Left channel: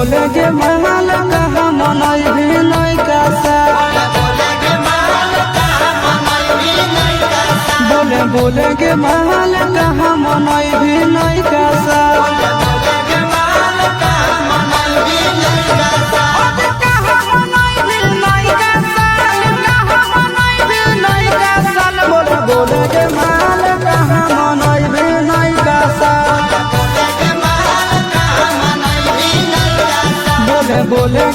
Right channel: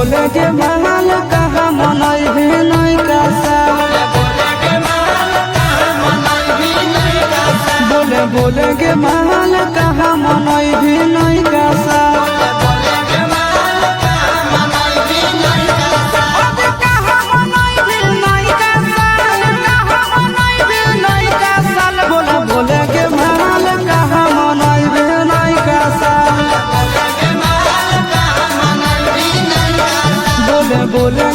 बोले के महल कहा मनई भी नहीं कासा बोले के महल कहा मनई भी नहीं कासा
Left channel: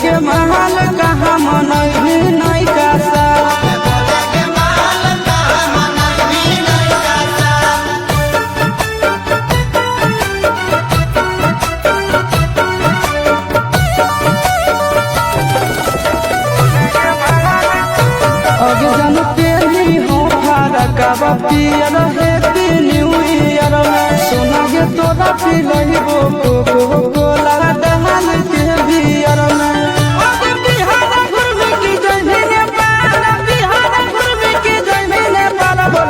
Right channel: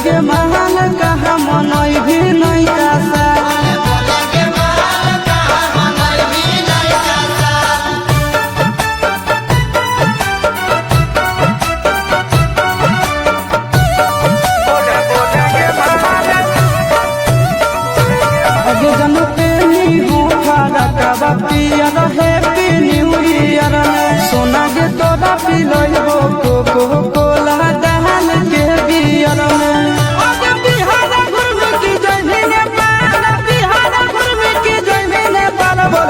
के महल कहा मनई भी नहीं कासा सोना के तोरा पिलई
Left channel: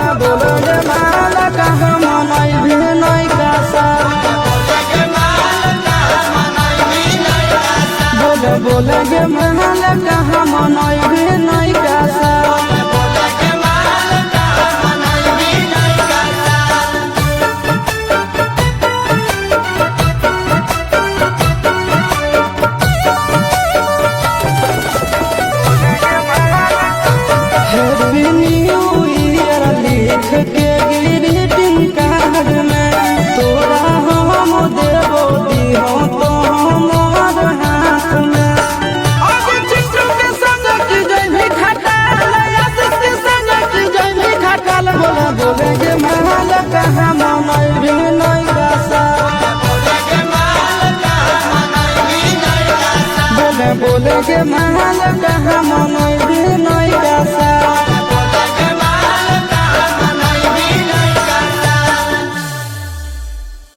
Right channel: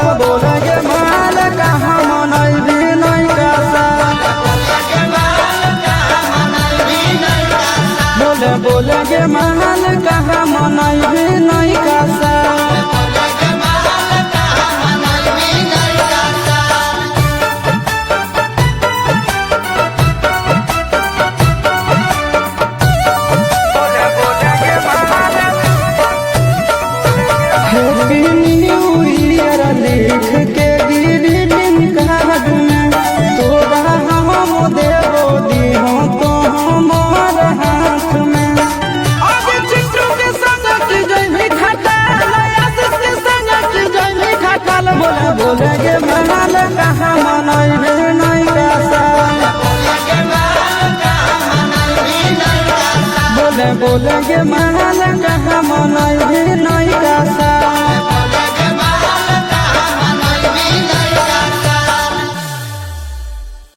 बोले के महल कहा मनई भी नहीं कासा बोले के महल कहा मनई भी नहीं कासा बोले के महल कहा मनई भी नहीं